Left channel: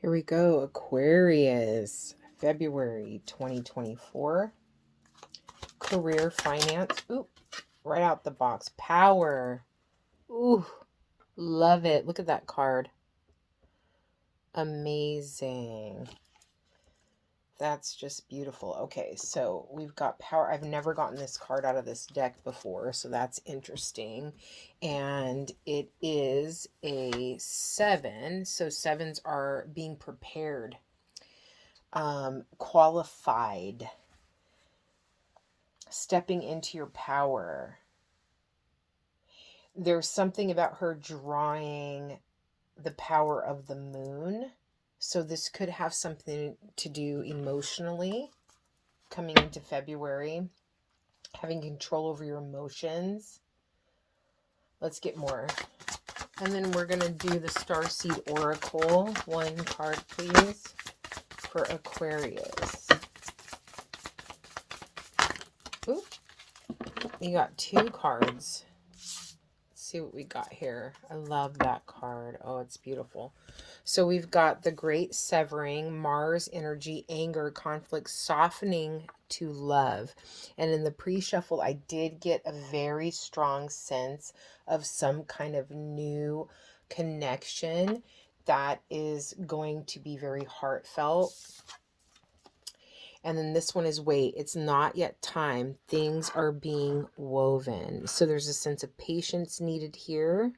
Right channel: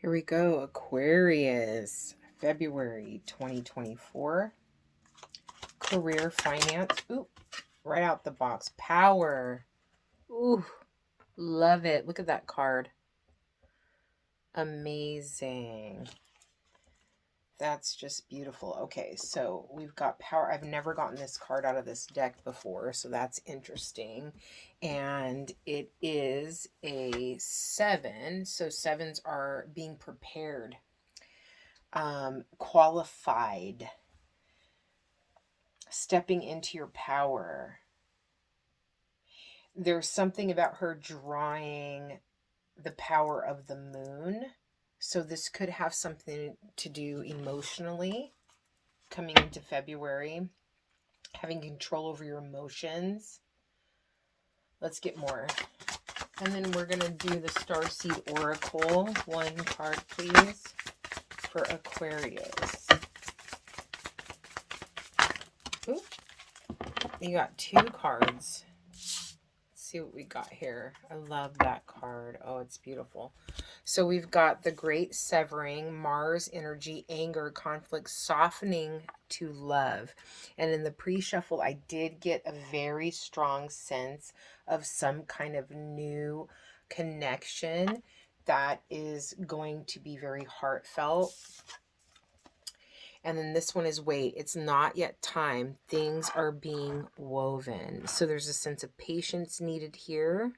Here we go, Aquarius, February 2024. Career, finance. Ooh, right out the box. Power. Ooh, love it. Look at that card. Amazing. That's just beautiful. Okay, so we've got power. I've never gotten this card out of this deck before, so that's interesting. And it is a 7. So 7s are being prepared, qualified, stepping into your power. There's something about her drawing the power of the moon. So this could have something to do emotionally coming into February, having control over your emotions. Let's get more. And then we're going to do the Starseed Oracle. One card, please, for Aquarius. Ooh, you got 2 cards. Let's see what we got here. I love that card. Oh, it's beautiful. So we've got the Great Severing, Mars energy, anger, conflict, softening to love. And in the pre-shuffle, I did get a very strong sense of some kind of new connection that is going to be very heartfelt. And then this one is wait, it's not yet time. Things are being woven. So there's a sense of patience needed here.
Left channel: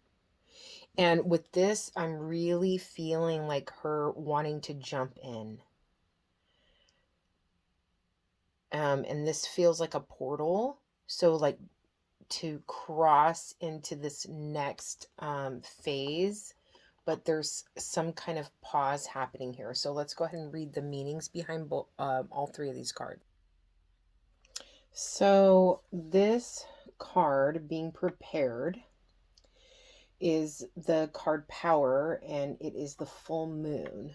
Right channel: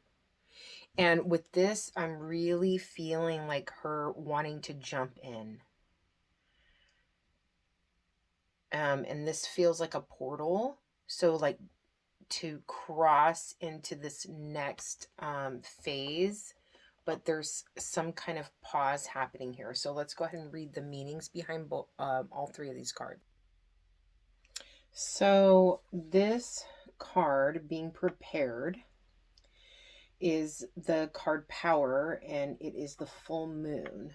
And with this, I'm really feeling like her wanting to jump in. And this feels like a portal. So like to cross into this next phase. But there's some kind of pause happening here. So let's go ahead and read the meanings behind all 3 of these cards. So this card, being prepared, is the card Power, and it is the full moon.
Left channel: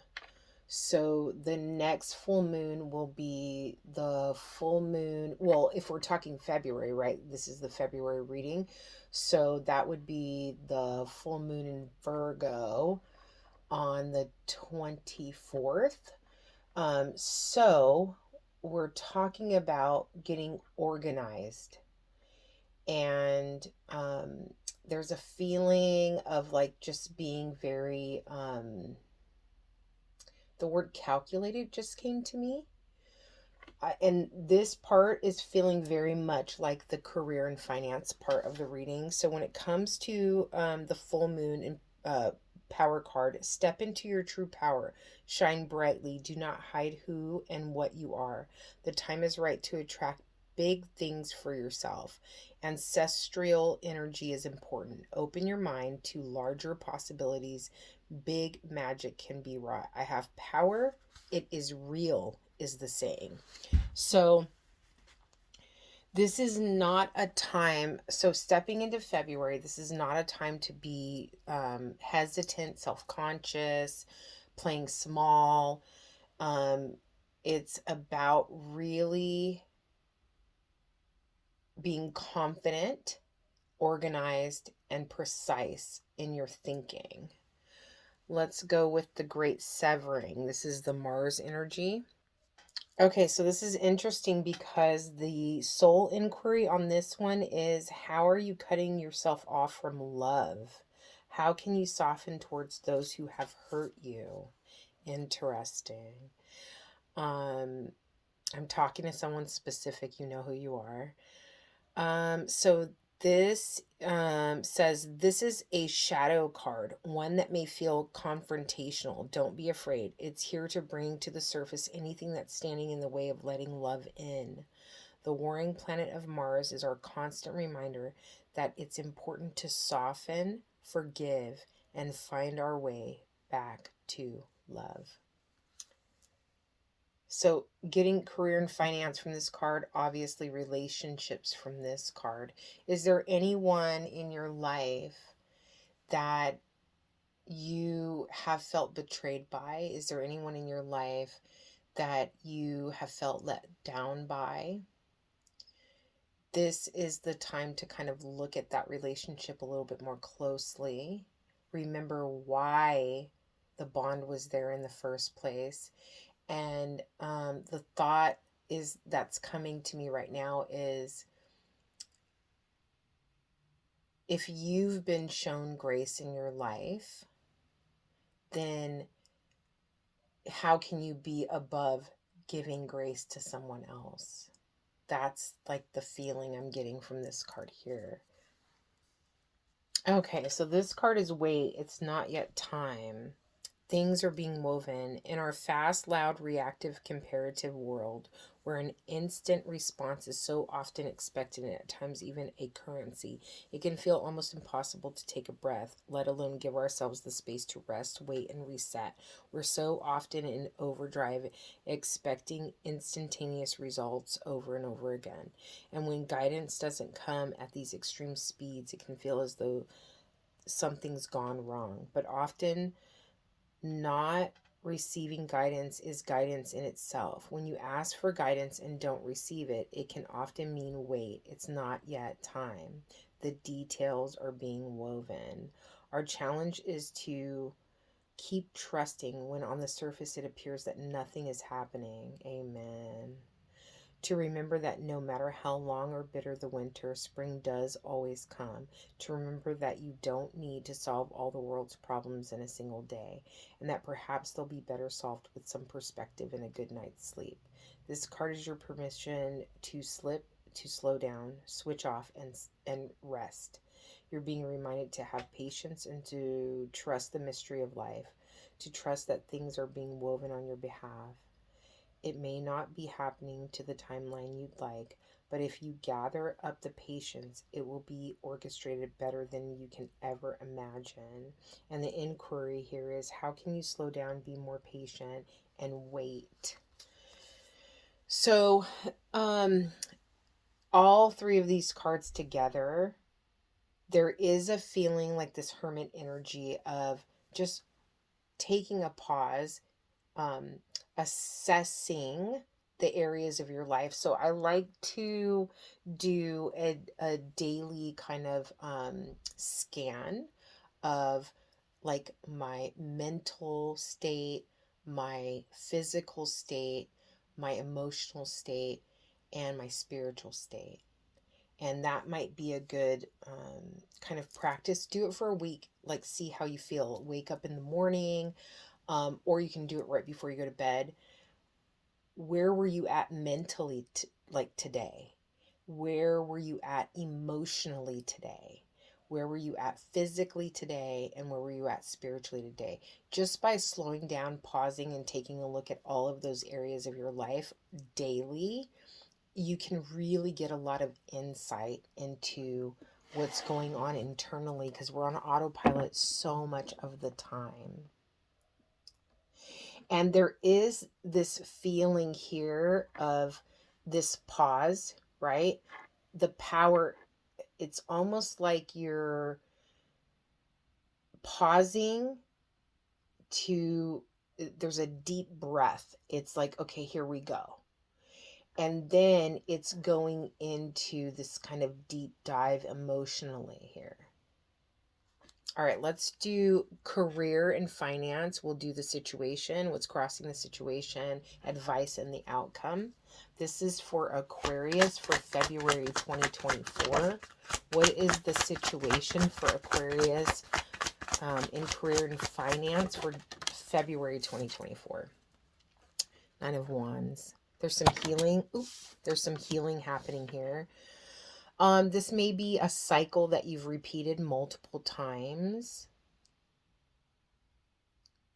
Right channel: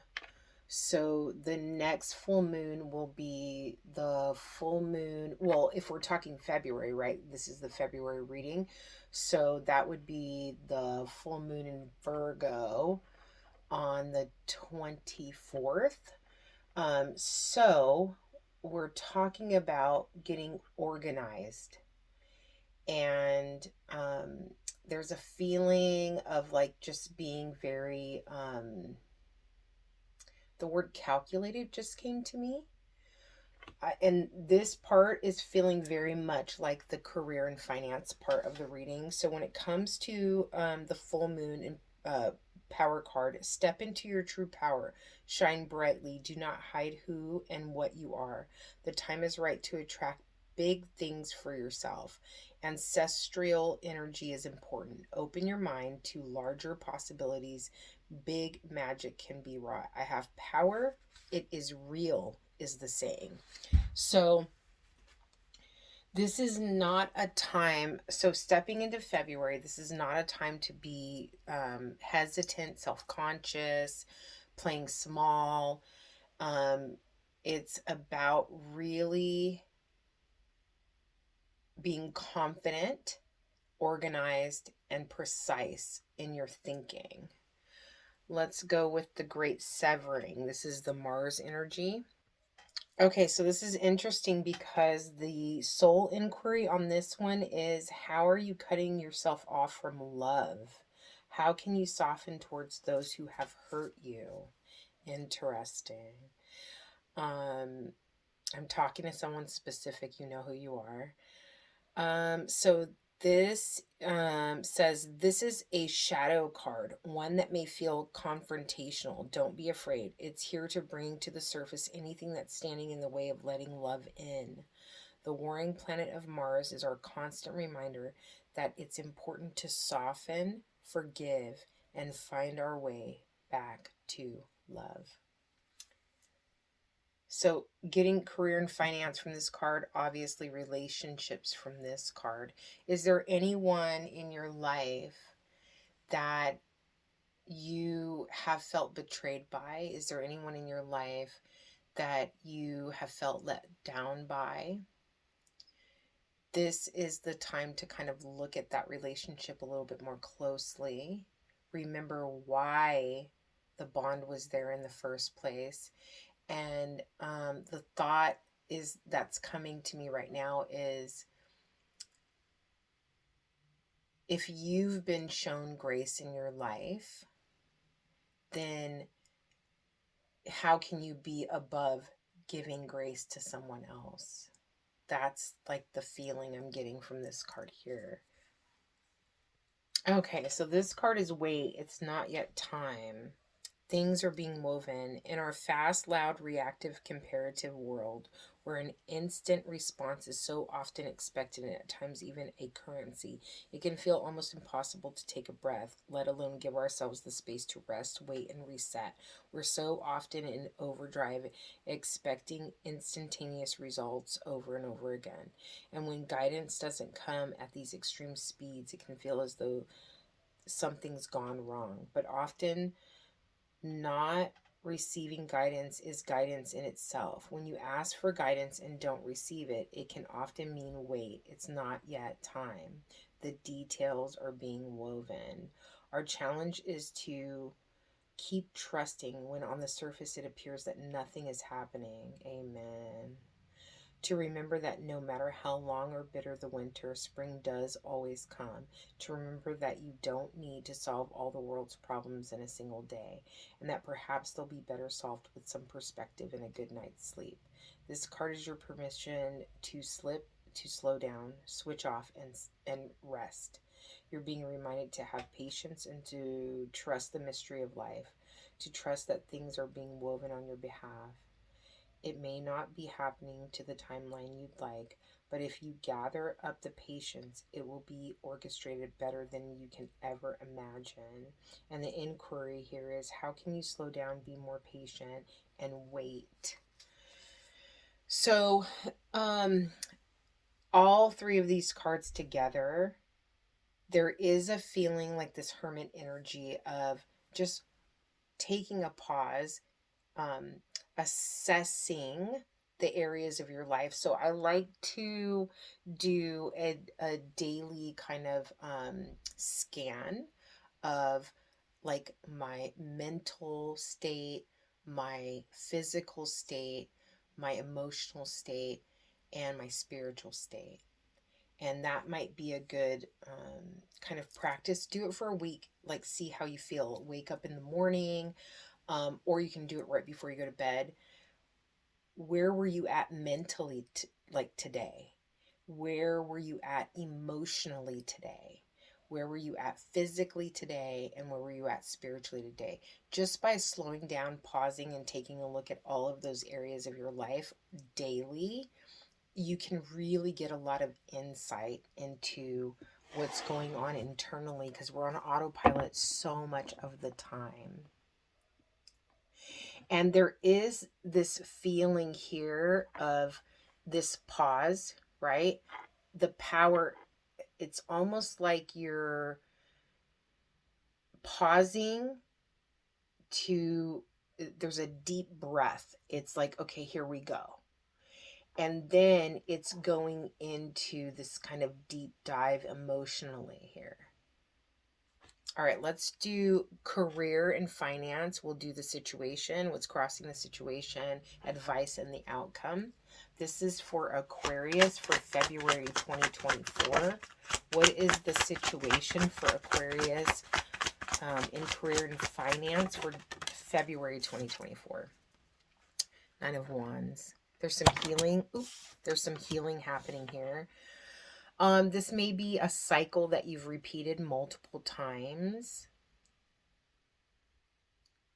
So the next full moon will be the full moon. Well, if we're talking February, right? This is the February reading. So that would be the full moon in Virgo on the 24th. So we're talking about getting organized. And there's a feeling of like just being very, the word calculated just came to me. And this part is feeling very much like the career and finance part of the reading. So when it comes to the full moon and power card, step into your true power, shine brightly, do not hide who and what you are. The time is right to attract big things for yourself. Ancestral energy is important. Open your mind to larger possibilities. Big magic can be wrought. I have power. It is real, is the saying. So this is not a time. So stepping into February, this is not a time to be hesitant, self-conscious, playing small. It's about really being confident, organized, and precise in your thinking. Let's go with the Great Severing. This is the Mars energy. Okay, so this is interesting because the soul inquiry on this one is, how are you cutting yourself off from love? How can you soften towards those who have hurt you? Interesting. I'm talking to someone specific, you know who you are. So this says this is a shadow card, one that may feel confrontational. Don't be afraid. It's here to bring to the surface anything that's standing in the way of letting love in. The warring planet of Mars is our constant reminder that it's important to soften, forgive, and find our way back to love. So getting career and finance from this card, obviously relationships from this card. Is there anyone in your life that you have felt betrayed by? Is there anyone in your life that you have felt let down by? This is the time to kind of look at that relationship a little bit more closely. Remember why the bond was there in the first place. And the thought is that's coming to me right now is, if you've been shown grace in your life, then how can you be above giving grace to someone else? That's like the feeling I'm getting from this card here. Okay, so this card is wait, it's not yet time. Things are being woven in our fast, loud, reactive, comparative world where an instant response is so often expected and at times even a currency. It can feel almost impossible to take a breath, let alone give ourselves the space to rest, wait, and reset. We're so often in overdrive, expecting instantaneous results over and over again. And when guidance doesn't come at these extreme speeds, it can feel as though something's gone wrong. But often, not receiving guidance is guidance in itself. When you ask for guidance and don't receive it, it can often mean wait, it's not yet time. The details are being woven. Our challenge is to keep trusting when on the surface it appears that nothing is happening. Amen. To remember that no matter how long or bitter the winter, spring does always come. To remember that you don't need to solve all the world's problems in a single day, and that perhaps they'll be better solved with some perspective and a good night's sleep. This card is your permission to slow down, switch off, and rest. You're being reminded to have patience and to trust the mystery of life, to trust that things are being woven on your behalf. It may not be happening to the timeline you'd like, but if you gather up the patience, it will be orchestrated better than you can ever imagine. And the inquiry here is, how can you slow down, be more patient, and wait? So, all three of these cards together, there is a feeling like this hermit energy of just taking a pause, assessing the areas of your life. So I like to do a daily kind of scan of like my mental state, my physical state, my emotional state, and my spiritual state. And that might be a good kind of practice. Do it for a week, like see how you feel. Wake up in the morning, or you can do it right before you go to bed. Where were you at mentally like today? Where were you at emotionally today? Where were you at physically today? And where were you at spiritually today? Just by slowing down, pausing, and taking a look at all of those areas of your life daily, you can really get a lot of insight into what's going on internally, because we're on autopilot so much of the time. And there is this feeling here of this pause, right? The power, it's almost like you're pausing to, there's a deep breath. It's like, okay, here we go. And then it's going into this kind of deep dive emotionally here. All right, let's do career and finance. We'll do the situation, what's crossing the situation, advice, and the outcome. This is for Aquarius for February 2024. What is the situation for Aquarius in career and finance for February 2024? Nine of Wands. There's some healing. There's some healing happening here. This may be a cycle that you've repeated multiple times.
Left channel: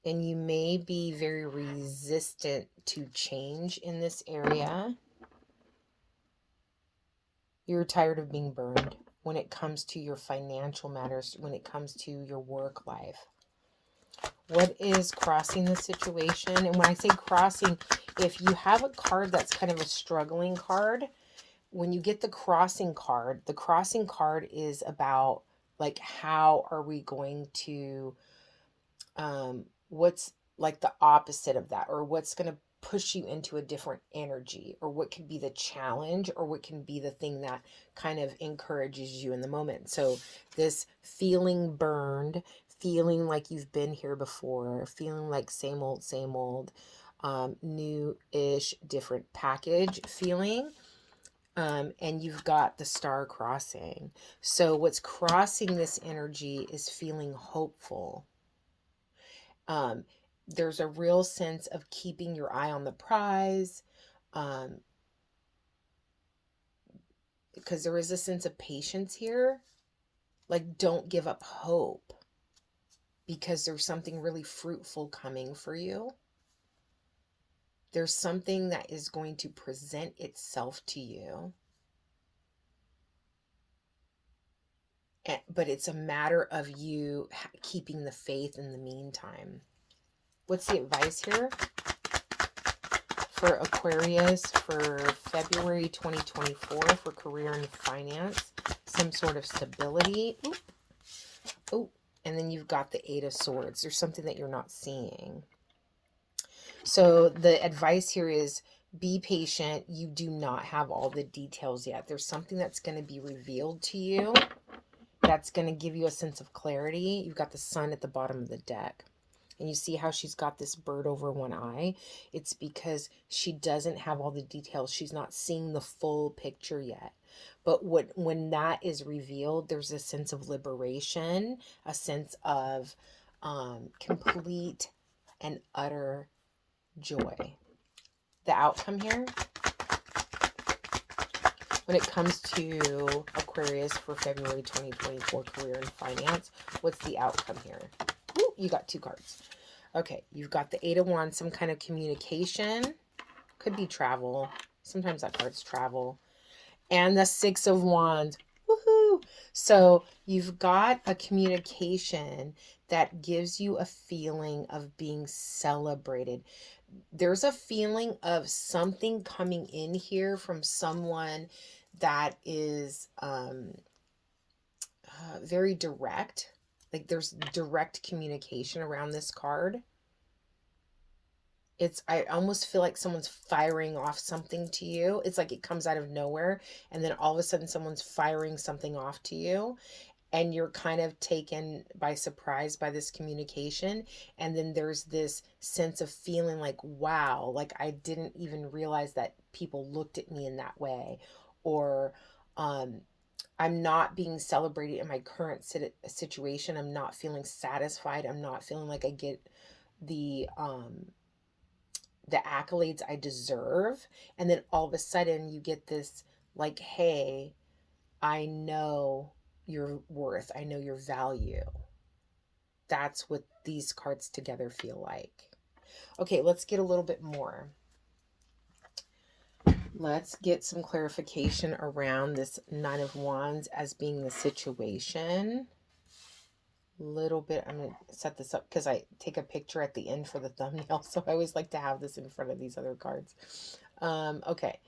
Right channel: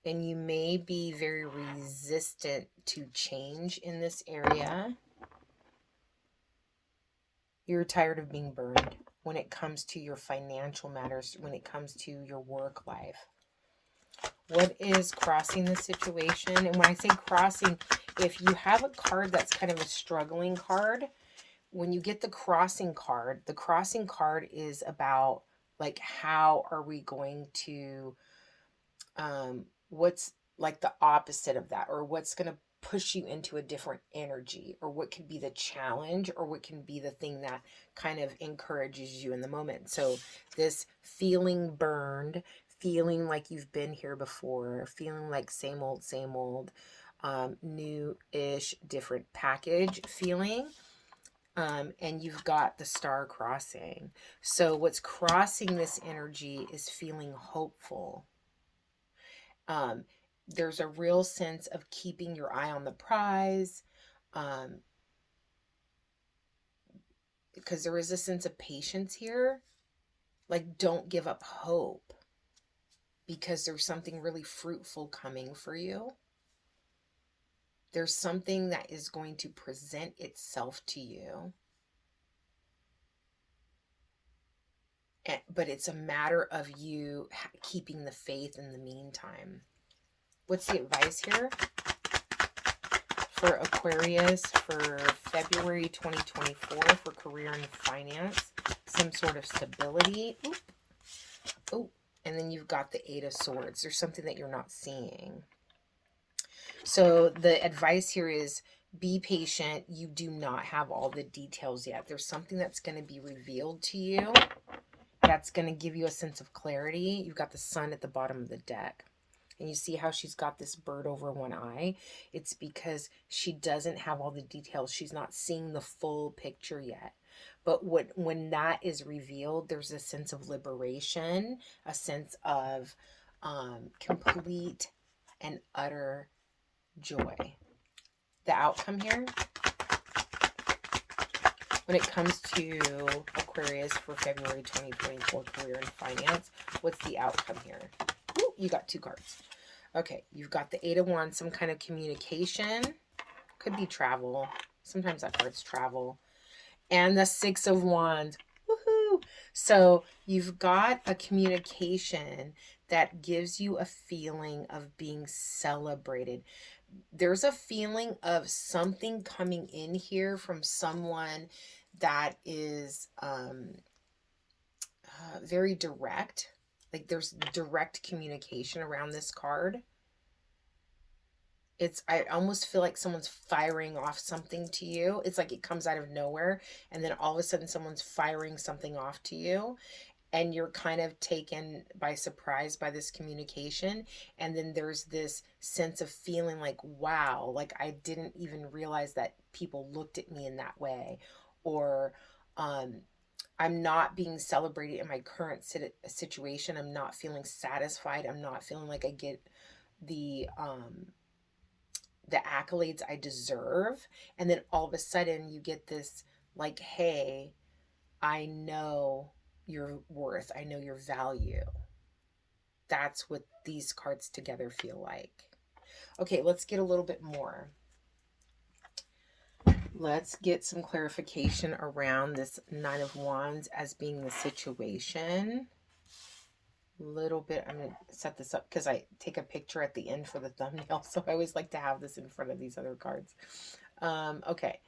And you may be very resistant to change in this area. You're tired of being burned when it comes to your financial matters, when it comes to your work life. What is crossing the situation? And when I say crossing, if you have a card that's kind of a struggling card, when you get the crossing card is about like, how are we going to, what's like the opposite of that, or what's going to push you into a different energy, or what can be the challenge, or what can be the thing that kind of encourages you in the moment. So this feeling burned, feeling like you've been here before, feeling like same old, new-ish, different package feeling. And you've got the star crossing. So what's crossing this energy is feeling hopeful. There's a real sense of keeping your eye on the prize, because there is a sense of patience here. Like, don't give up hope, because there's something really fruitful coming for you. There's something that is going to present itself to you. But it's a matter of you keeping the faith in the meantime. What's the advice here for Aquarius for February 2024 for career and finance? Some sort of stability. Oh, and then you've got the Eight of Swords. There's something that you're not seeing. So the advice here is be patient. You do not have all the details yet. There's something that's going to be revealed to you that's going to give you a sense of clarity. You've got the Sun at the bottom of the deck. And you see how she's got this bird over one eye? It's because she doesn't have all the details. She's not seeing the full picture yet. But when that is revealed, there's a sense of liberation, a sense of complete and utter joy. The outcome here, when it comes to Aquarius for February 2024 career and finance, what's the outcome here? Ooh, you got two cards. Okay, you've got the Eight of Wands, some kind of communication. Could be travel. Sometimes that card's travel. And the Six of Wands. Woohoo! So you've got a communication that gives you a feeling of being celebrated. There's a feeling of something coming in here from someone that is very direct. Like, there's direct communication around this card. I almost feel like someone's firing off something to you. It's like it comes out of nowhere, and then all of a sudden someone's firing something off to you, and you're kind of taken by surprise by this communication. And then there's this sense of feeling like, wow, like I didn't even realize that people looked at me in that way. Or I'm not being celebrated in my current situation. I'm not feeling satisfied. I'm not feeling like I get the accolades I deserve. And then all of a sudden you get this like, hey, I know your worth. I know your value. That's what these cards together feel like. Okay, let's get a little bit more. Let's get some clarification around this Nine of Wands as being the situation. Little bit, I'm going to set this up because I take a picture at the end for the thumbnail, so I always like to have this in front of these other cards. Okay,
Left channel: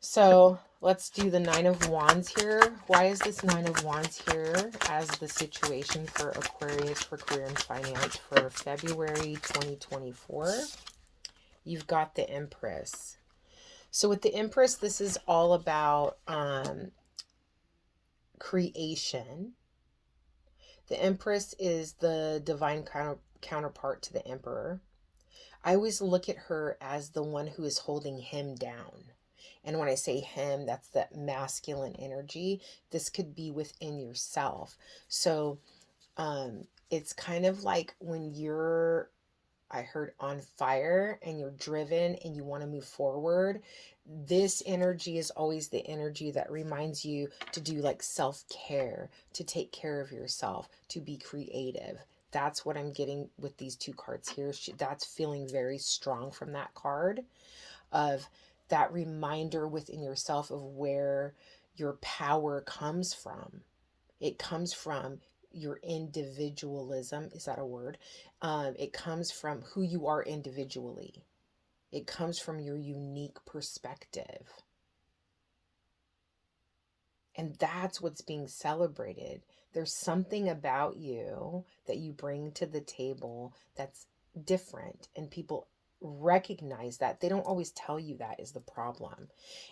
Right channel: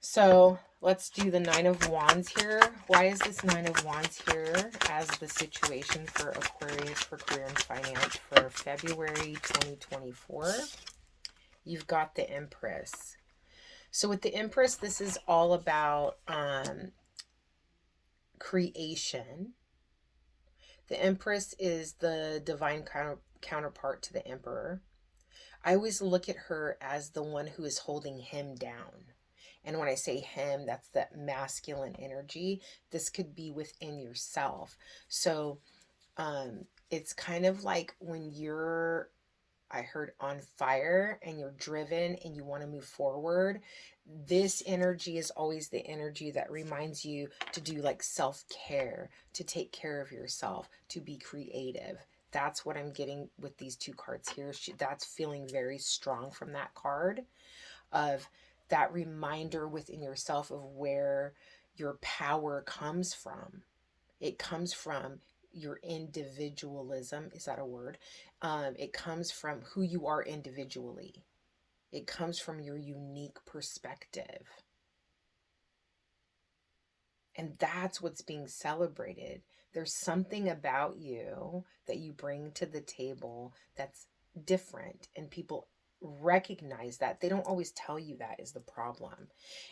so let's do the Nine of Wands here. Why is this Nine of Wands here as the situation for Aquarius for career and finance for February 2024? You've got the Empress. So with the Empress, this is all about creation. The Empress is the divine counterpart to the Emperor. I always look at her as the one who is holding him down. And when I say him, that's that masculine energy. This could be within yourself. So it's kind of like when you're, I heard, on fire and you're driven and you want to move forward. This energy is always the energy that reminds you to do like self-care, to take care of yourself, to be creative. That's what I'm getting with these two cards here. That's feeling very strong from that card, of that reminder within yourself of where your power comes from. It comes from your individualism. Is that a word? It comes from who you are individually. It comes from your unique perspective. And that's what's being celebrated. There's something about you that you bring to the table that's different, and people recognize that. They don't always tell you that is the problem.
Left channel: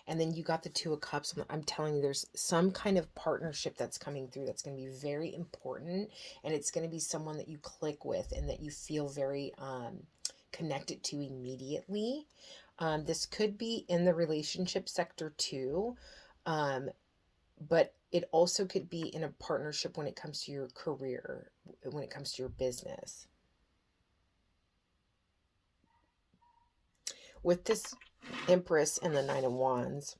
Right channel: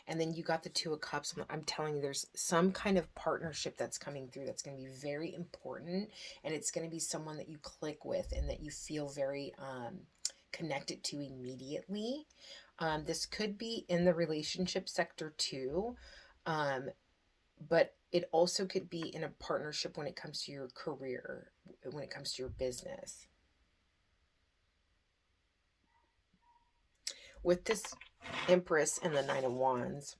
And then you got the Two of Cups. And I'm telling you, there's some kind of partnership that's coming through that's going to be very important. And it's going to be someone that you click with and that you feel very connected to immediately. This could be in the relationship sector too. But it also could be in a partnership when it comes to your career, when it comes to your business. With this Empress and the Nine of Wands,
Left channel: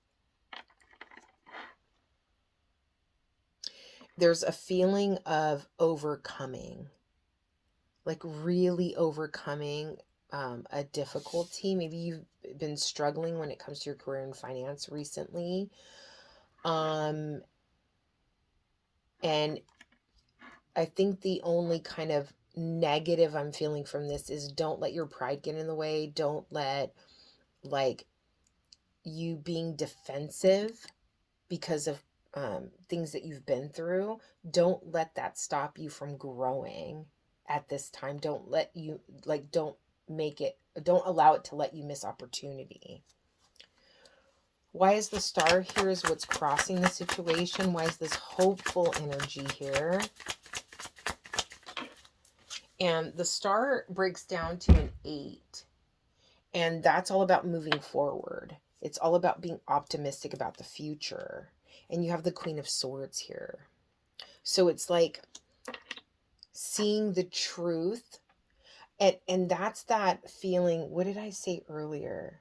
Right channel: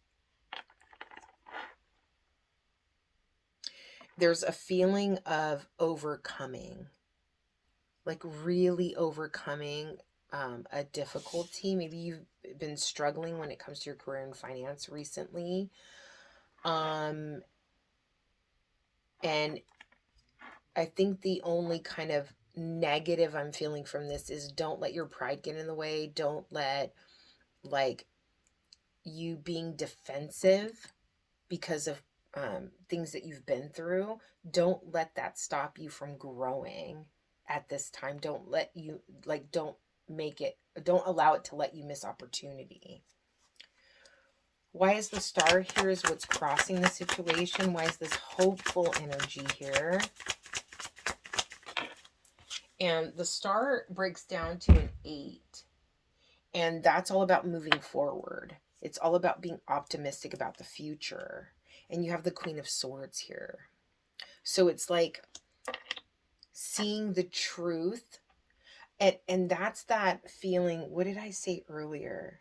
there's a feeling of overcoming, like really overcoming a difficulty. Maybe you've been struggling when it comes to your career and finance recently. And I think the only kind of negative I'm feeling from this is don't let your pride get in the way. Don't let like you being defensive because of things that you've been through. Don't let that stop you from growing at this time. Don't allow it to let you miss opportunity. Why is the Star here is what's crossing the situation? Why is this hopeful energy here? And the Star breaks down to an 8. And that's all about moving forward. It's all about being optimistic about the future. And you have the Queen of Swords here. So it's like seeing the truth. And that's that feeling. What did I say earlier?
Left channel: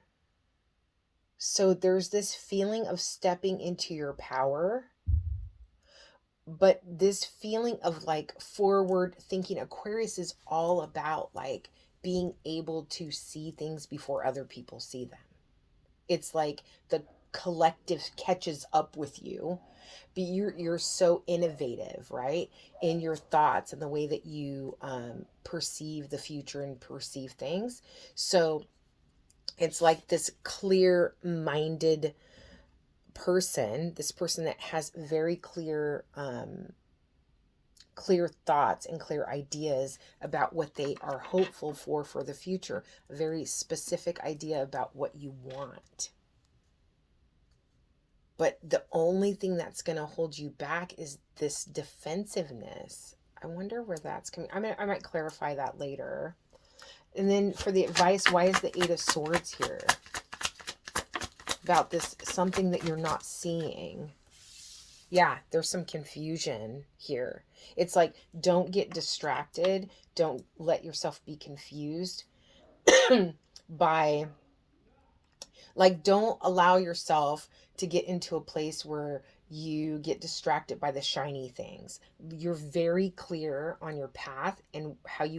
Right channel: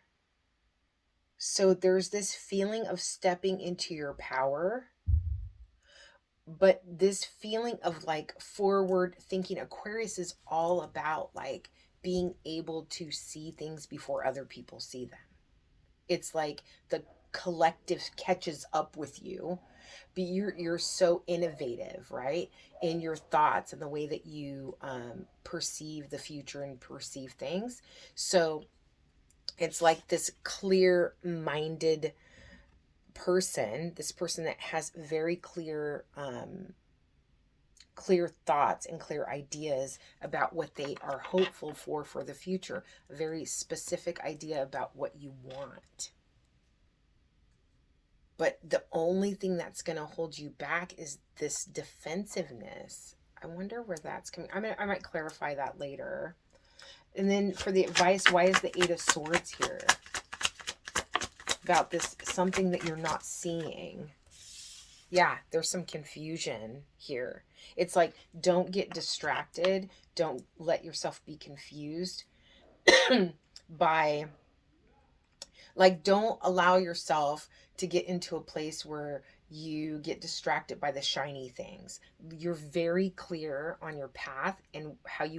So there's this feeling of stepping into your power. But this feeling of like forward thinking. Aquarius is all about like being able to see things before other people see them. It's like the collective catches up with you, but you're so innovative, right, in your thoughts and the way that you perceive the future and perceive things. So it's like this clear-minded person, this person that has very clear thoughts and clear ideas about what they are hopeful for the future. A very specific idea about what you want. But the only thing that's going to hold you back is this defensiveness. I wonder where that's coming. I might clarify that later. And then for the advice, why is the Eight of Swords here? About this, something that you're not seeing. Yeah, there's some confusion here. It's like, don't get distracted. Don't let yourself be confused by, like, don't allow yourself to get into a place where you get distracted by the shiny things. You're very clear on your path and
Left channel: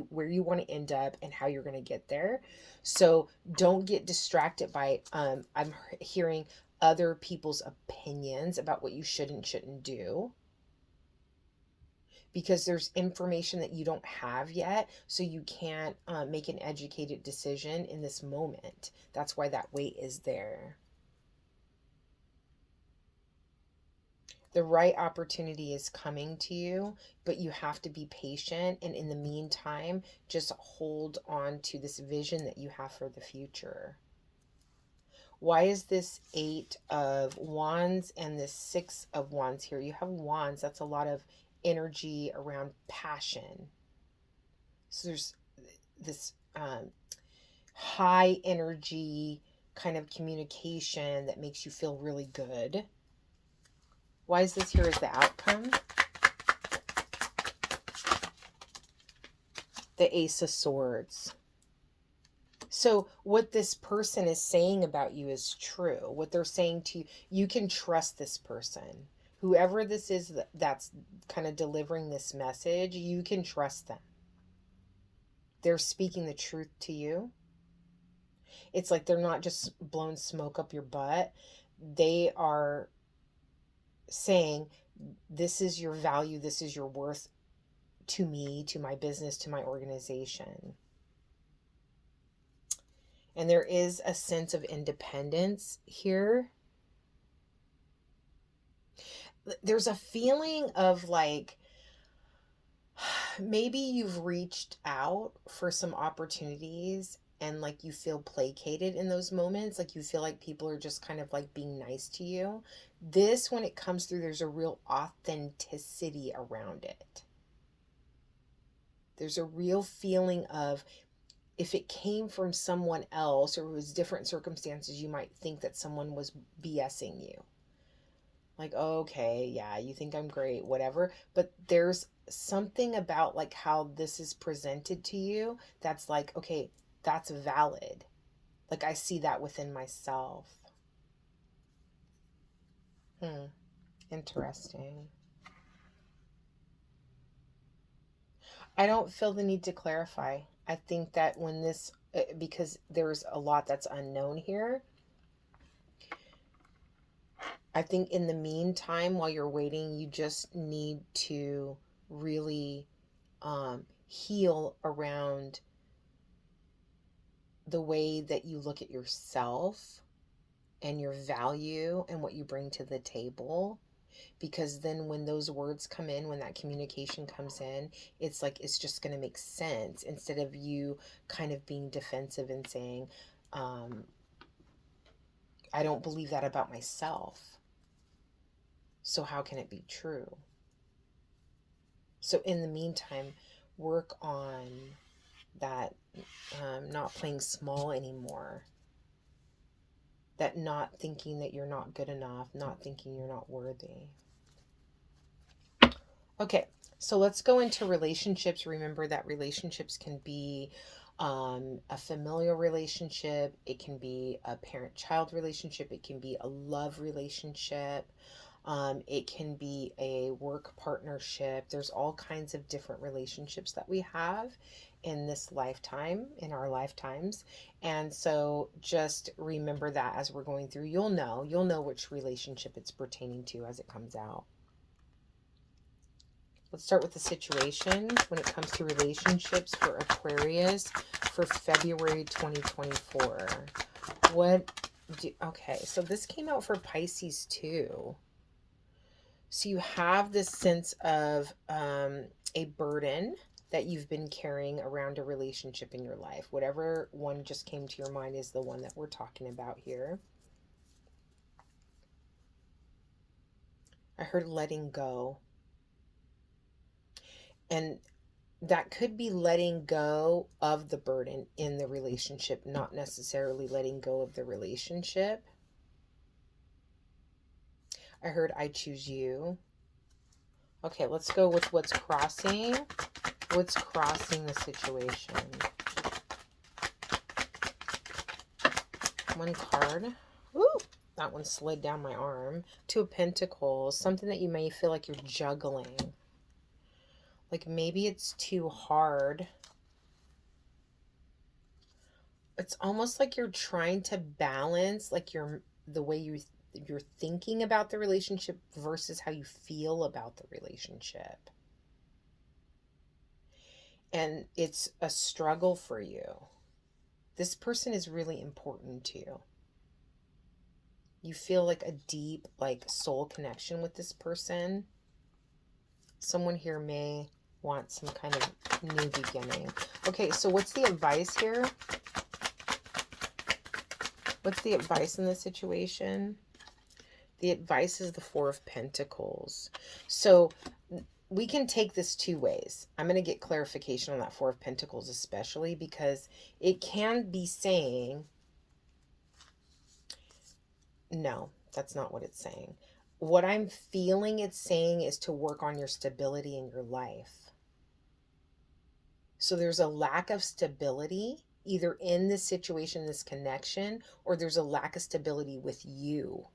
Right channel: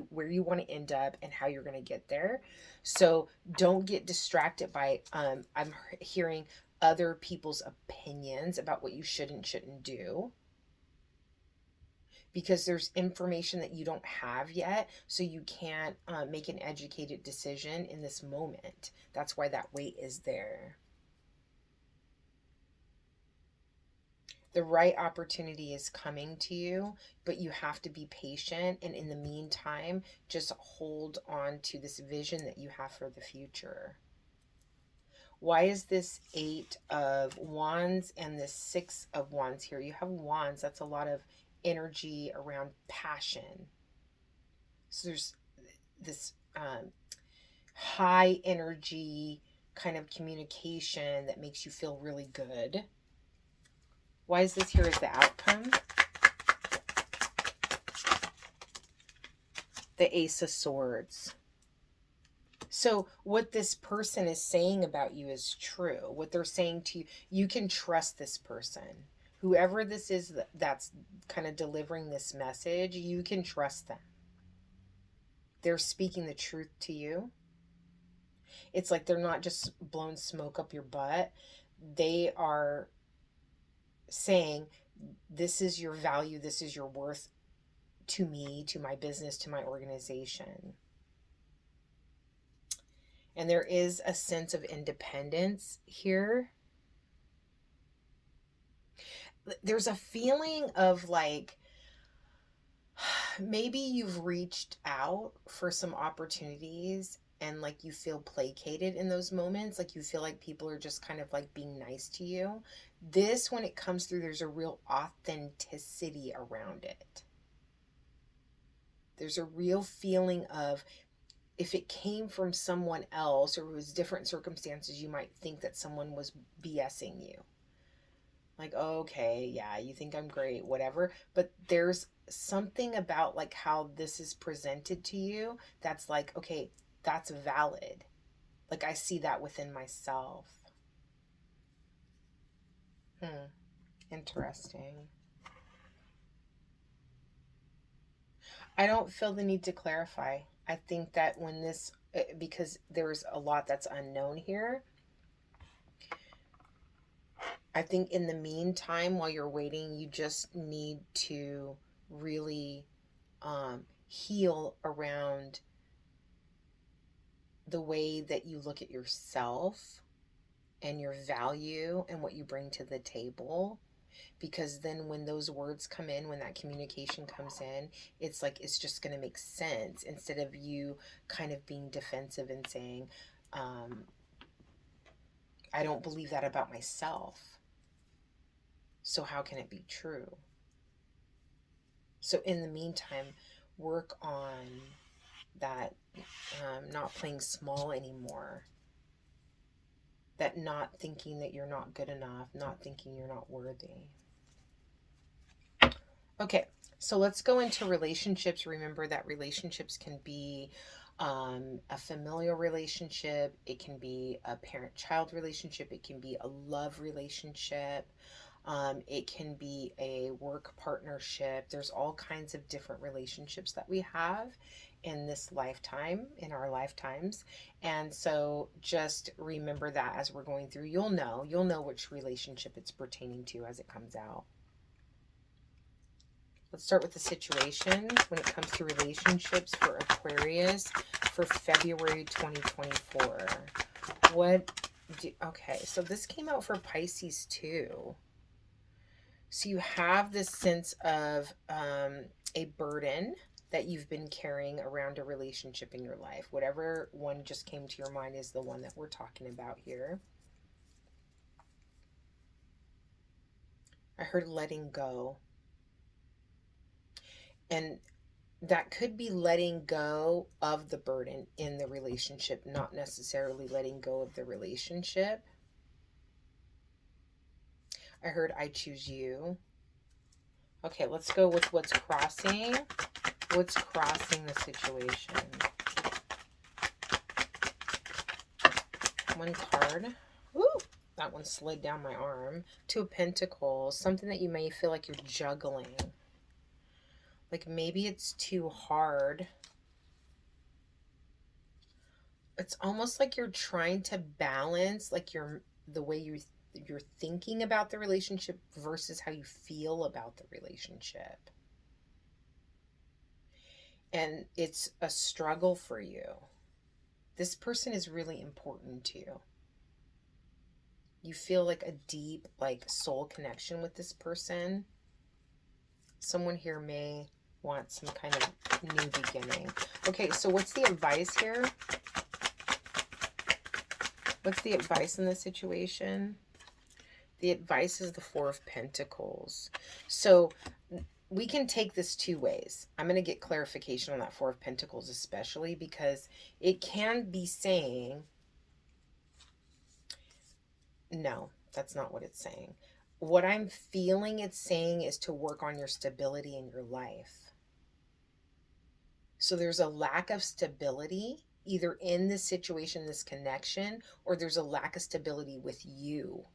where you want to end up and how you're going to get there. So don't get distracted by, I'm hearing other people's opinions about what you should and shouldn't do, because there's information that you don't have yet, so you can't make an educated decision in this moment. That's why that weight is there. The right opportunity is coming to you, but you have to be patient, and in the meantime, just hold on to this vision that you have for the future. Why is this Eight of Wands and this Six of Wands here? You have Wands. That's a lot of energy around passion. So there's this high energy kind of communication that makes you feel really good. Why is this here as the outcome? The Ace of Swords. So what this person is saying about you is true. What they're saying to you, you can trust this person. Whoever this is that's kind of delivering this message, you can trust them. They're speaking the truth to you. It's like they're not just blowing smoke up your butt. They are saying, this is your value, this is your worth to me, to my business, to my organization. And there is a sense of independence here. There's a feeling of like, maybe you've reached out for some opportunities and like you feel placated in those moments, like you feel like people are just kind of like being nice to you. This, when it comes through, there's a real authenticity around it. There's a real feeling of, if it came from someone else or it was different circumstances, you might think that someone was BSing you. Like, okay, yeah, you think I'm great, whatever. But there's something about like how this is presented to you that's like, okay, that's valid. Like, I see that within myself. Interesting. I don't feel the need to clarify. I think that when this, because there's a lot that's unknown here, I think in the meantime, while you're waiting, you just need to really heal around the way that you look at yourself and your value and what you bring to the table. Because then when those words come in, when that communication comes in, it's like it's just going to make sense, instead of you kind of being defensive and saying, I don't believe that about myself, so how can it be true? So in the meantime, work on that, not playing small anymore, that not thinking that you're not good enough, not thinking you're not worthy. Okay, so let's go into relationships. Remember that relationships can be a familial relationship, it can be a parent-child relationship, it can be a love relationship, it can be a work partnership. There's all kinds of different relationships that we have in this lifetime, in our lifetimes. And so just remember that as we're going through, you'll know which relationship it's pertaining to as it comes out. Let's start with the situation when it comes to relationships for Aquarius for February 2024. Okay, so this came out for Pisces too. So you have this sense of a burden that you've been carrying around a relationship in your life. Whatever one just came to your mind is the one that we're talking about here. I heard letting go. And that could be letting go of the burden in the relationship, not necessarily letting go of the relationship. I heard I choose you. Okay, let's go with what's crossing. What's crossing the situation? One card. Ooh, that one slid down my arm. Two of Pentacles. Something that you may feel like you're juggling. Like maybe it's too hard. It's almost like you're trying to balance like the way you're thinking about the relationship versus how you feel about the relationship. And it's a struggle for you. This person is really important to you. You feel like a deep, like soul connection with this person. Someone here may want some kind of new beginning. Okay, so what's the advice here? What's the advice in this situation? The advice is the Four of Pentacles. So we can take this two ways. I'm going to get clarification on that Four of Pentacles, especially because it can be saying, no, that's not what it's saying. What I'm feeling it's saying is to work on your stability in your life. So there's a lack of stability either in this situation, this connection, or there's a lack of stability with you.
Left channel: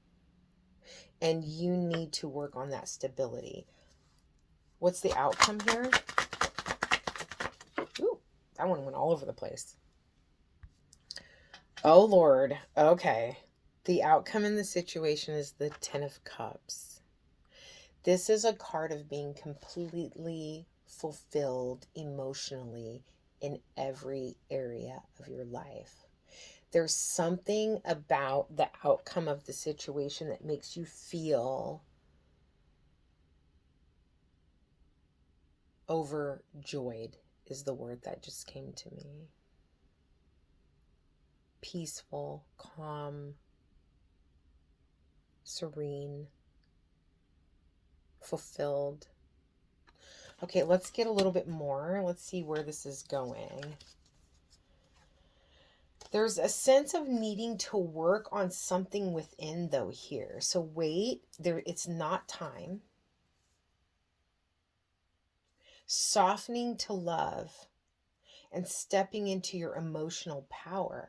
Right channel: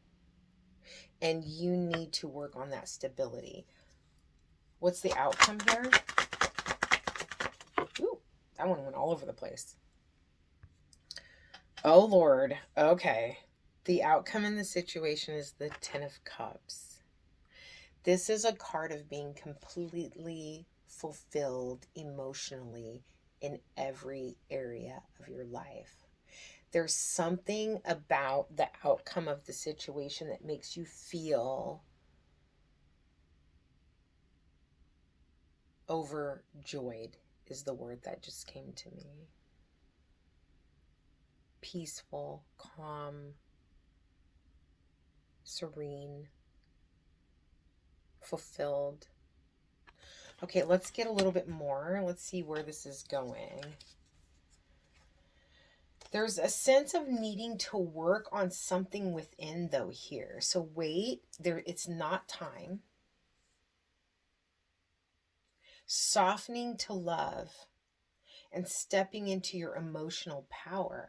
And you need to work on that stability. What's the outcome here? Ooh, that one went all over the place. Oh, Lord. Okay. The outcome in the situation is the Ten of Cups. This is a card of being completely fulfilled emotionally in every area of your life. There's something about the outcome of the situation that makes you feel overjoyed, is the word that just came to me. peaceful, calm, serene, fulfilled. Okay, let's get a little bit more. Let's see where this is going. There's a sense of needing to work on something within, though, here. So wait, it's not time. Softening to love and stepping into your emotional power.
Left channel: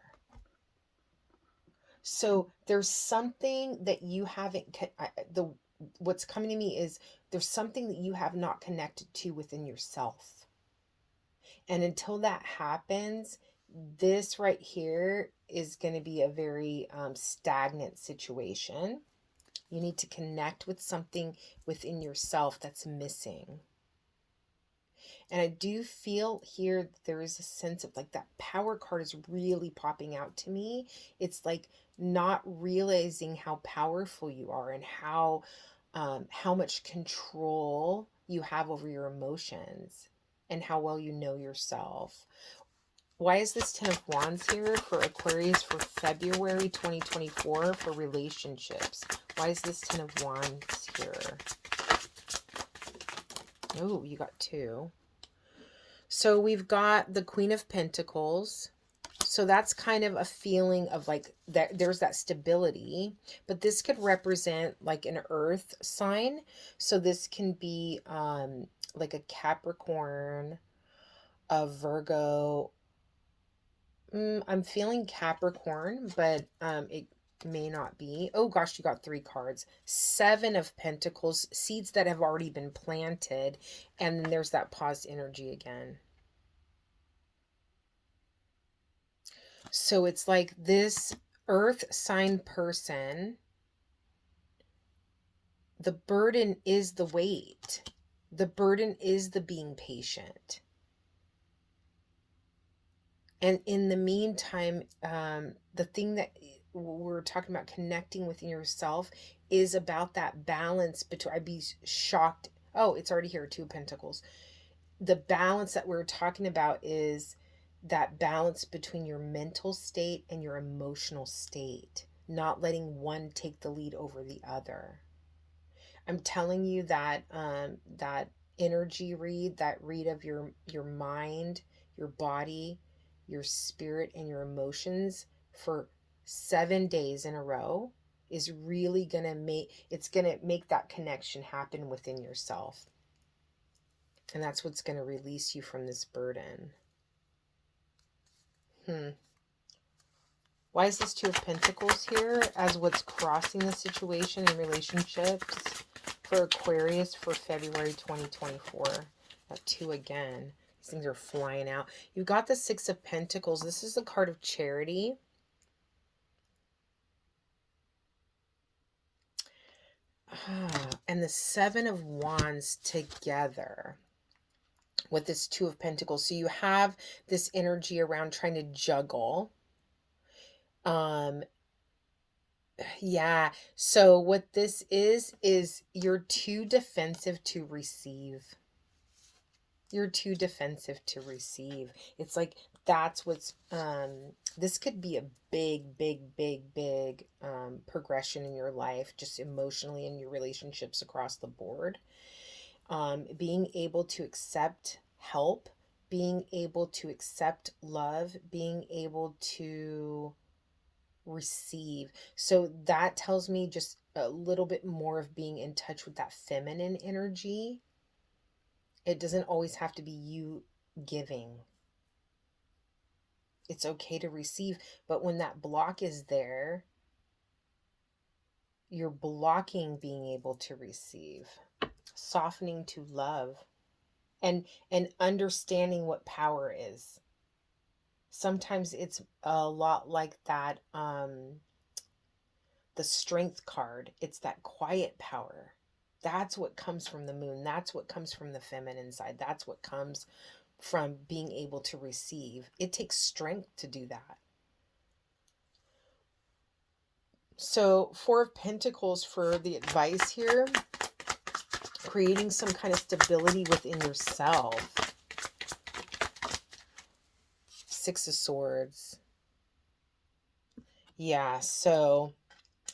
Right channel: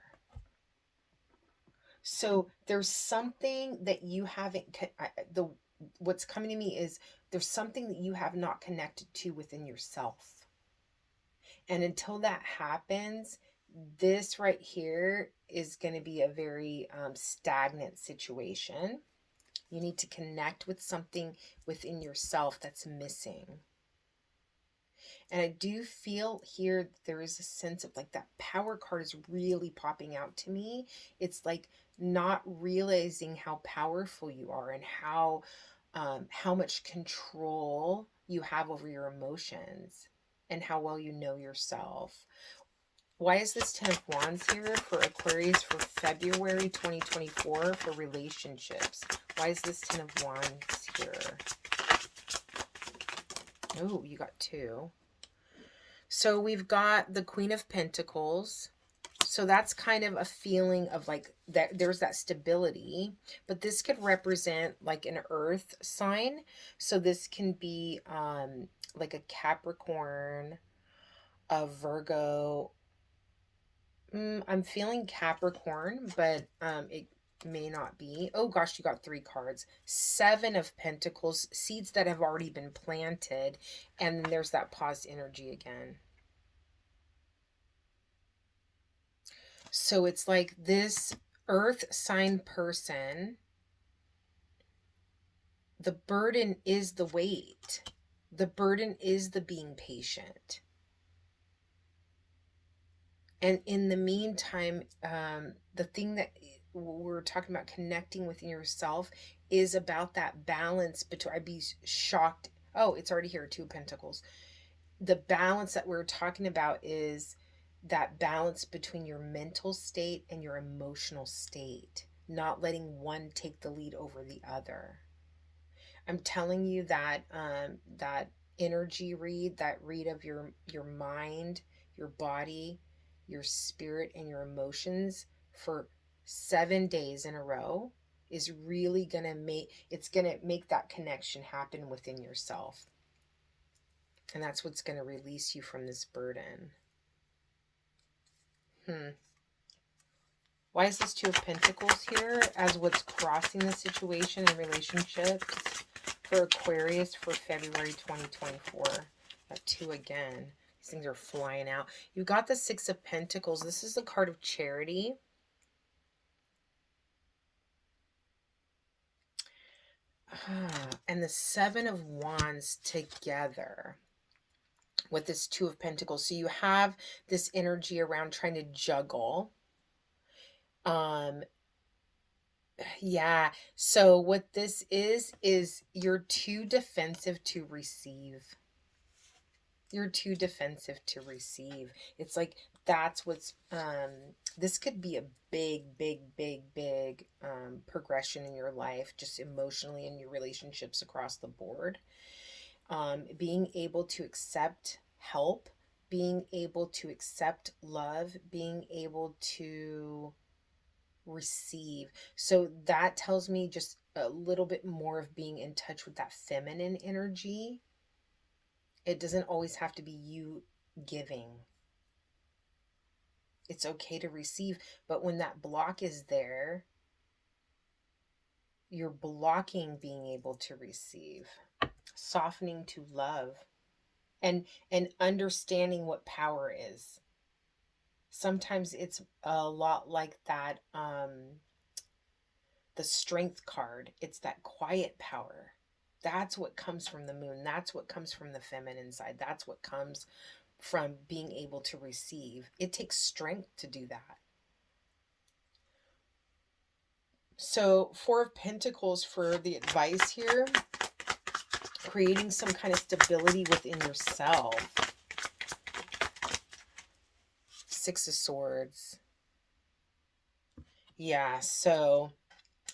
So there's something that you haven't, what's coming to me is there's something that you have not connected to within yourself. And until that happens, this right here is going to be a very stagnant situation. You need to connect with something within yourself that's missing. And I do feel here there is a sense of like that power card is really popping out to me. It's like not realizing how powerful you are and how much control you have over your emotions and how well you know yourself. Why is this 10 of Wands here for Aquarius for February 2024 for relationships? Why is this 10 of Wands here? Oh, you got 2. So we've got the Queen of Pentacles. So that's kind of a feeling of like that there's that stability, but this could represent like an earth sign. So this can be like a Capricorn, a Virgo. I'm feeling Capricorn, but it may not be. Oh gosh, you got 3 cards. 7 of Pentacles, seeds that have already been planted, and then there's that paused energy again. So it's like this earth sign person, the burden is the wait. The burden is the being patient. And in the meantime, the thing that we're talking about connecting within yourself is about that balance between, I'd be shocked. Oh, it's already here, 2 of Pentacles. The balance that we're talking about is that balance between your mental state and your emotional state, not letting one take the lead over the other. I'm telling you that that energy read, that read of your mind, your body, your spirit, and your emotions for 7 days in a row is really gonna make that connection happen within yourself. And that's what's gonna release you from this burden. Why is this 2 of Pentacles here as what's crossing the situation in relationships for Aquarius for February 2024? That 2 again. These things are flying out. You got the 6 of Pentacles. This is the card of charity. And the 7 of Wands together with this 2 of Pentacles. So you have this energy around trying to juggle. Yeah. So what this is you're too defensive to receive. You're too defensive to receive. It's like that's what's this could be a big progression in your life, just emotionally in your relationships across the board. Being able to accept help, being able to accept love, being able to receive. So that tells me just a little bit more of being in touch with that feminine energy. It doesn't always have to be you giving. It's okay to receive, but when that block is there, you're blocking being able to receive. Softening to love and understanding what power is. Sometimes it's a lot like that the Strength card. It's that quiet power. That's what comes from the moon. That's what comes from the feminine side. That's what comes from being able to receive. It takes strength to do that. So 4 of Pentacles for the advice here. Creating some kind of stability within yourself. 6 of Swords. Yeah, so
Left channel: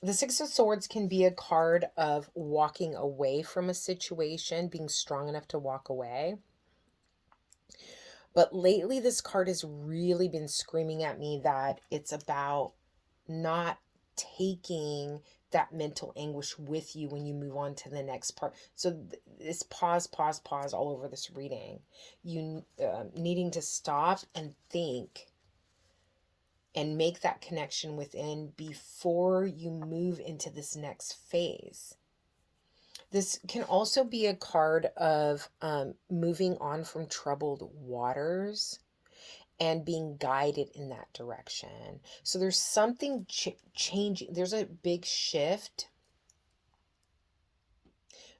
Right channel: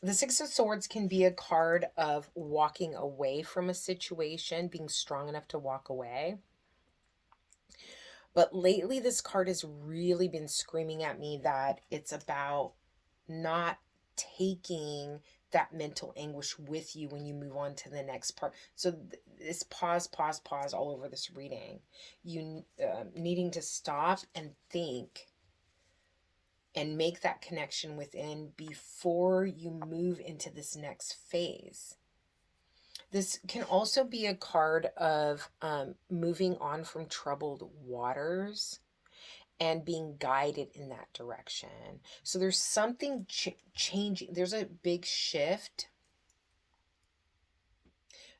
the Six of Swords can be a card of walking away from a situation, being strong enough to walk away. But lately, this card has really been screaming at me that it's about not taking that mental anguish with you when you move on to the next part. So this pause all over this reading. You needing to stop and think and make that connection within before you move into this next phase. This can also be a card of moving on from troubled waters and being guided in that direction. So there's something changing. There's a big shift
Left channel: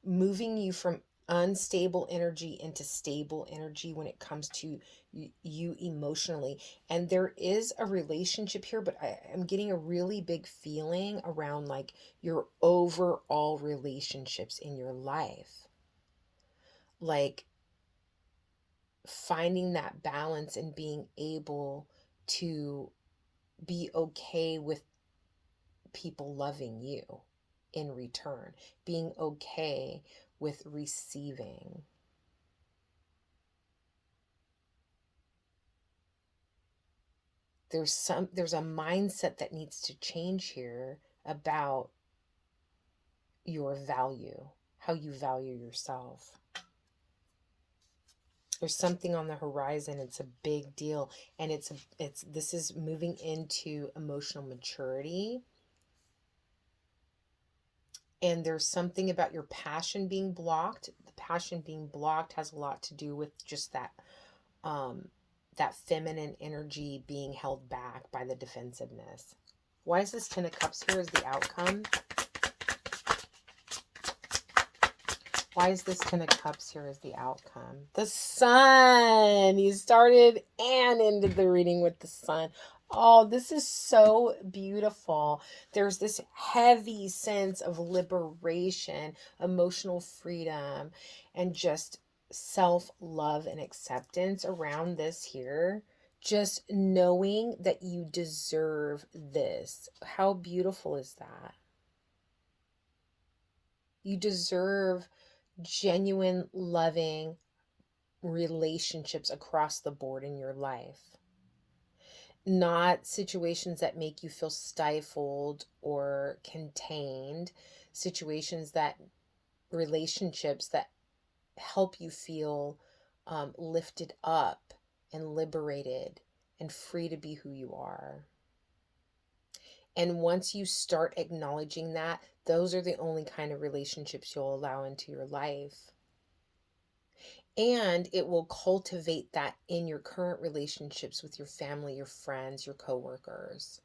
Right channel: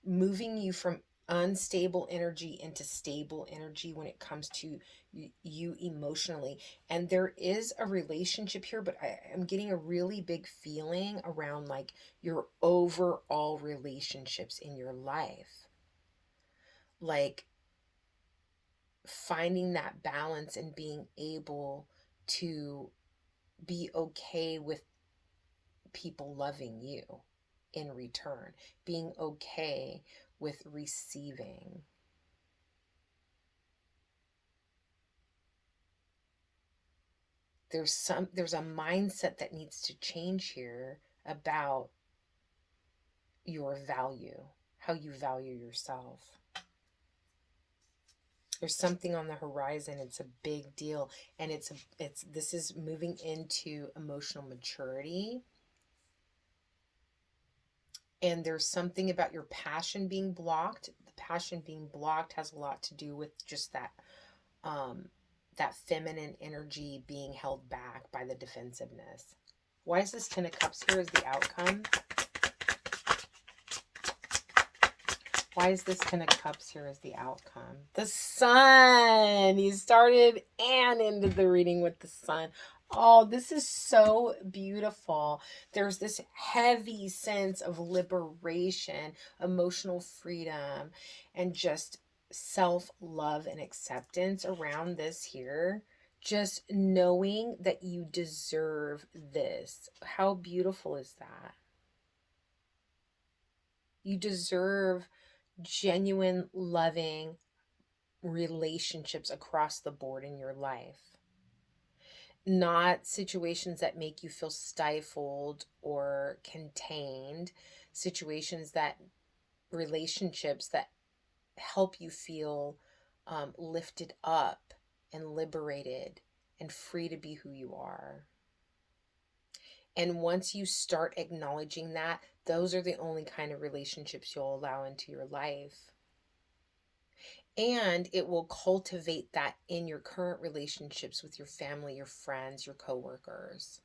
moving you from unstable energy into stable energy when it comes to you emotionally. And there is a relationship here, but I'm getting a really big feeling around like your overall relationships in your life. Like finding that balance and being able to be okay with people loving you in return, being okay with receiving. There's a mindset that needs to change here about your value, how you value yourself. There's something on the horizon. It's a big deal, and this is moving into emotional maturity. And there's something about your passion being blocked. The passion being blocked has a lot to do with just that feminine energy being held back by the defensiveness. Why is this Ten of Cups here as the outcome? Why is this Ten of Cups here as the outcome? The Sun! You started and ended the reading with the Sun. Oh, this is so beautiful. There's this heavy sense of liberation, emotional freedom, and just self-love and acceptance around this here. Just knowing that you deserve this. How beautiful is that? You deserve genuine, loving relationships across the board in your life. Not situations that make you feel stifled or contained, relationships that help you feel lifted up and liberated and free to be who you are. And once you start acknowledging that, those are the only kind of relationships you'll allow into your life. And it will cultivate that in your current relationships with your family, your friends, your coworkers.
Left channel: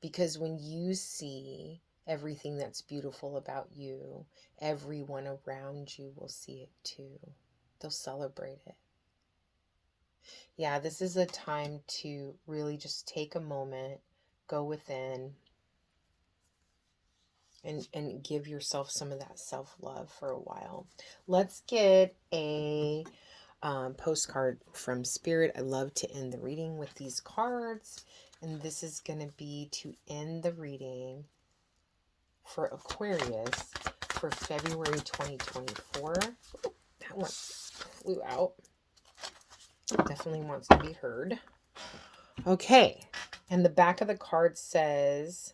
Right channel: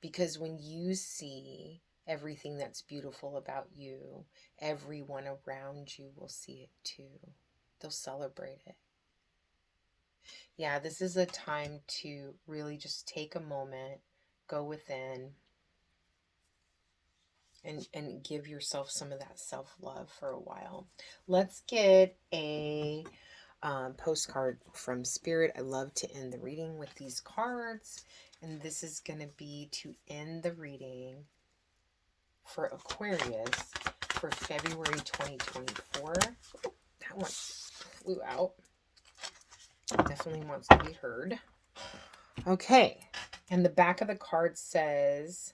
Because when you see everything that's beautiful about you, everyone around you will see it too. They'll celebrate it. Yeah, this is a time to really just take a moment, go within, and give yourself some of that self-love for a while. Let's get a postcard from Spirit. I love to end the reading with these cards, and this is going to be to end the reading for Aquarius for February 2024. That one flew out. Definitely wants to be heard. Okay, and the back of the card says,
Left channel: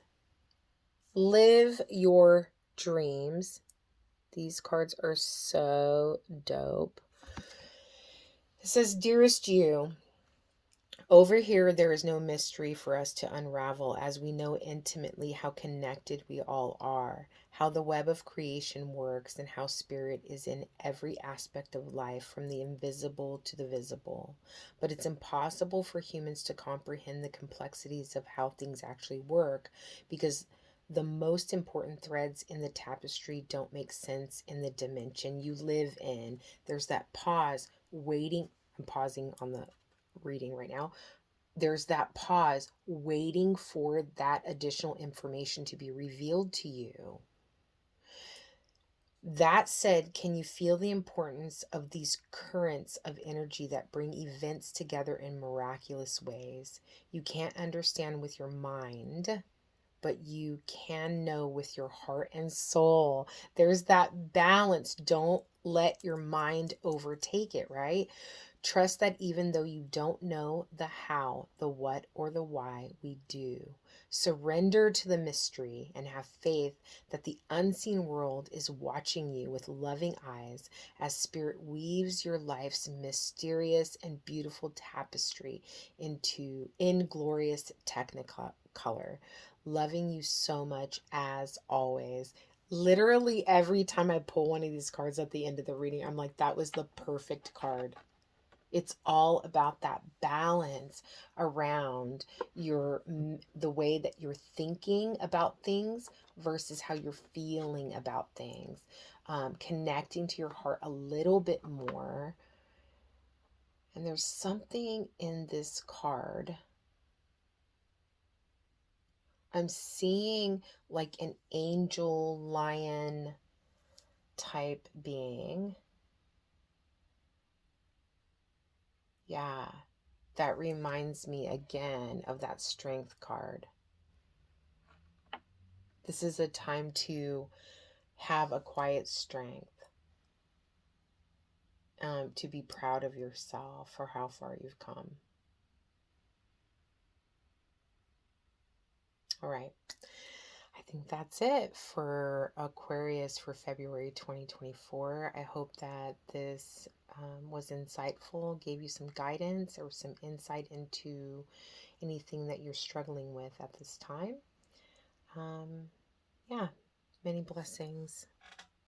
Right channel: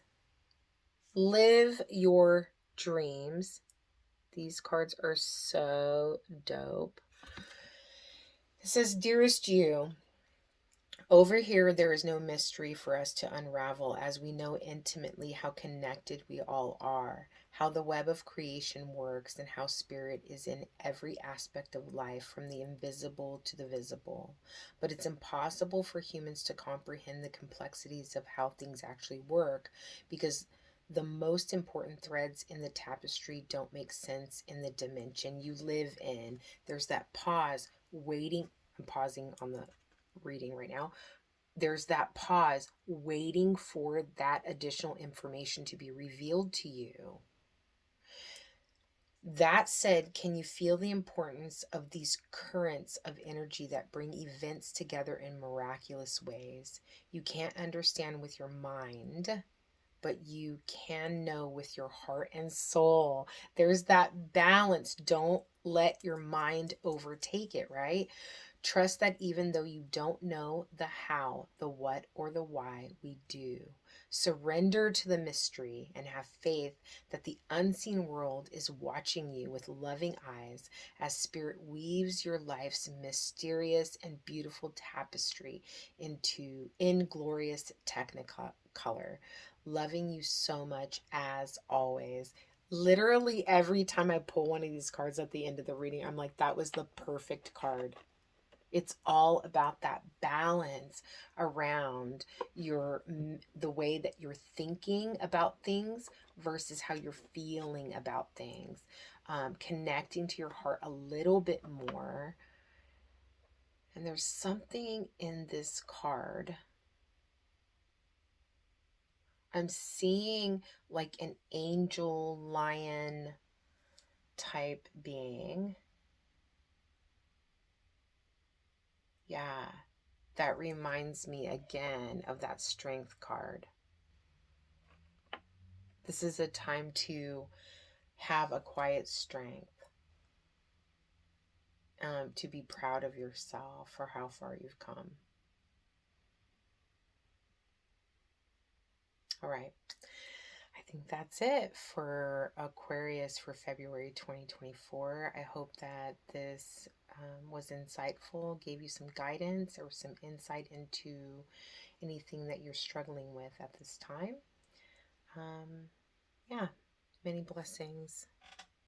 live your dreams. These cards are so dope. It says, dearest you, over here there is no mystery for us to unravel, as we know intimately how connected we all are, how the web of creation works, and how spirit is in every aspect of life, from the invisible to the visible. But it's impossible for humans to comprehend the complexities of how things actually work, because the most important threads in the tapestry don't make sense in the dimension you live in. There's that pause, waiting. I'm pausing on the reading right now. There's that pause, waiting for that additional information to be revealed to you. That said, can you feel the importance of these currents of energy that bring events together in miraculous ways? You can't understand with your mind, but you can know with your heart and soul. There's that balance. Don't let your mind overtake it, right? Trust that even though you don't know the how, the what, or the why, we do. Surrender to the mystery and have faith that the unseen world is watching you with loving eyes as Spirit weaves your life's mysterious and beautiful tapestry into inglorious technicolor. Loving you so much as always. Literally every time I pull one of these cards at the end of the reading, I'm like, that was the perfect card. It's all about that balance around the way that you're thinking about things versus how you're feeling about things. Connecting to your heart a little bit more. And there's something in this card. I'm seeing like an angel lion type being. Yeah, that reminds me again of that strength card. This is a time to have a quiet strength, to be proud of yourself for how far you've come. All right. I think that's it for Aquarius for February 2024. I hope that this was insightful, gave you some guidance or some insight into anything that you're struggling with at this time. Yeah, many blessings.